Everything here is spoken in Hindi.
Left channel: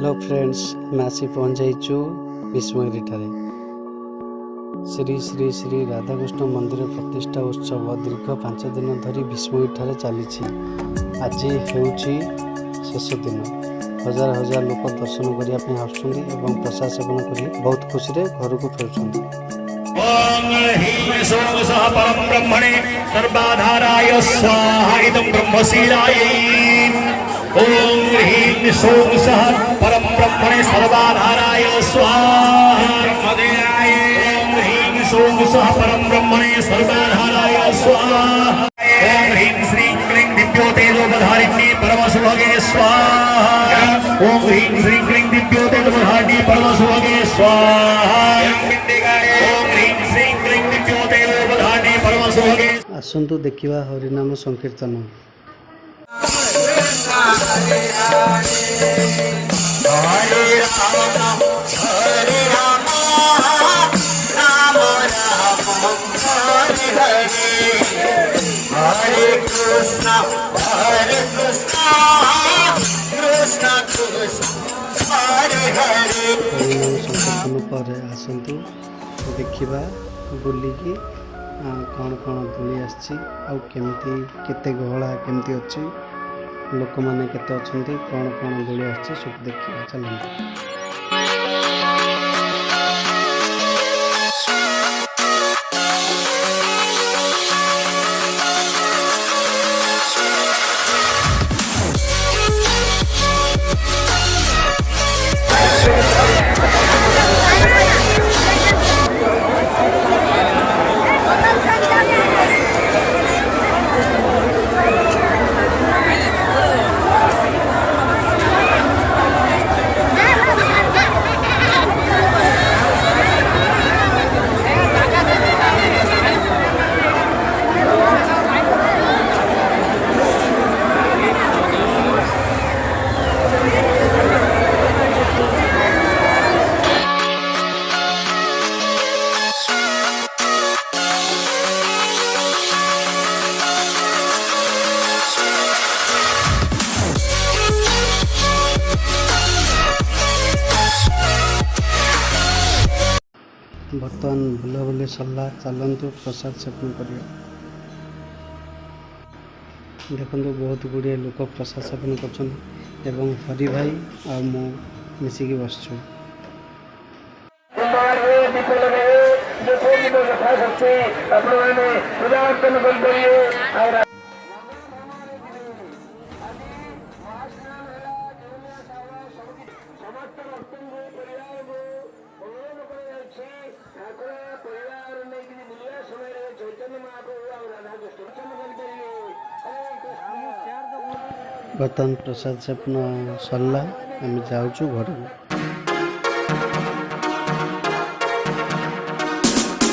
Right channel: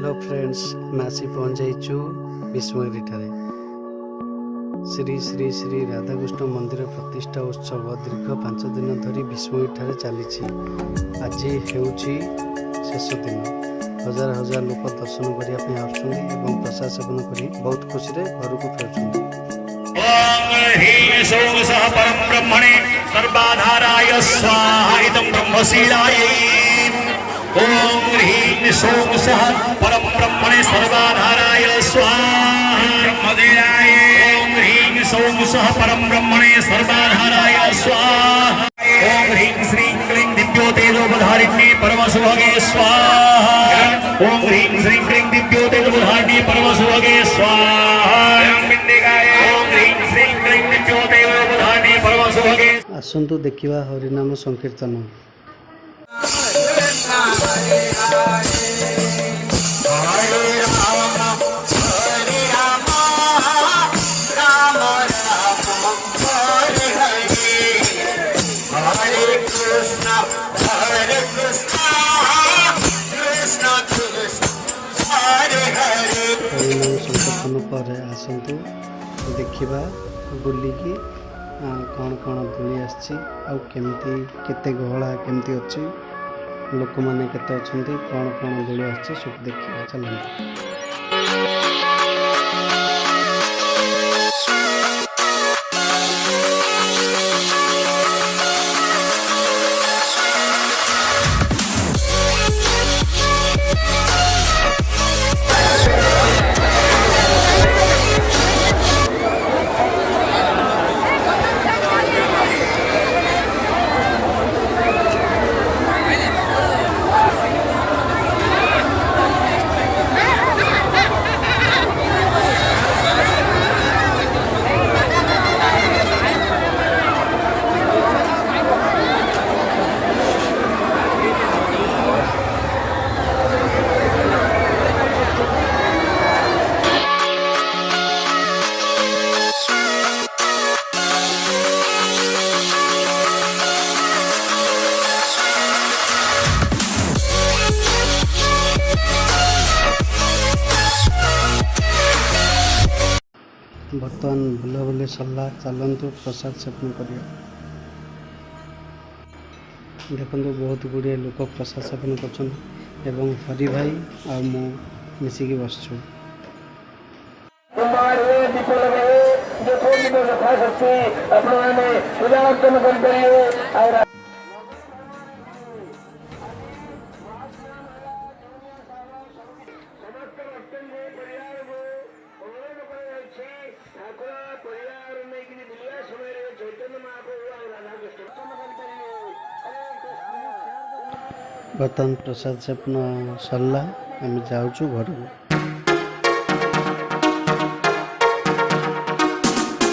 हेलो फ्रेंड्स, मैं आसी पहुँच जाइछु भीष्मगिरी ठारे। श्री श्री श्री राधाकृष्ण मंदिर प्रतिष्ठा उत्सव दीर्घ 5 दिन धरी भीष्मगिरी ठारे चली। आज हेउछि शेष दिन। हजार हजार लोक दर्शन करने आसुँच प्रसाद सेवन कर बहुत खुशी घर को फेरुंट। ओम ह्रीं सौः सः परं ब्रह्मणे सर्वाधाराय स्वाहा इदं ब्रह्मशीलायै। ओम ह्रीं सौः सः परं ब्रह्मणे सर्वाधाराय स्वाहा ब्रह्मदेवाय। ओम ह्रीं सौः सः परं ब्रह्मणे सर्वाधाराय स्वाहा। ओम ह्रीं श्रीं क्लीं दिव्यो तेजोपधारिणी परमसुभगे स्वाहा। ओम ह्रीं श्रीं क्लीं दिव्यो तेजोपधारिणी परमसुभगे स्वाहा। आसतु देखा हरिनाम संकीर्तन। हरिनाम संकीर्तन पर आसतु देखा बुलिकी कौन कौन दूली आमती केते गहला केमती अच्छी लोक मैंने केते अच्छी कौन कौन दूली आसी सब देखा। चलते बर्तमान बुलाबुली सरला। चलतु प्रसाद सेवन कर। देखो बहुत गुड़िया लोक प्रसाद सेवन कर हरि भाई आ मु मिसिकी बसचु। बर्तमान प्रसाद सेवन सरला। आम जाऊँ घर को।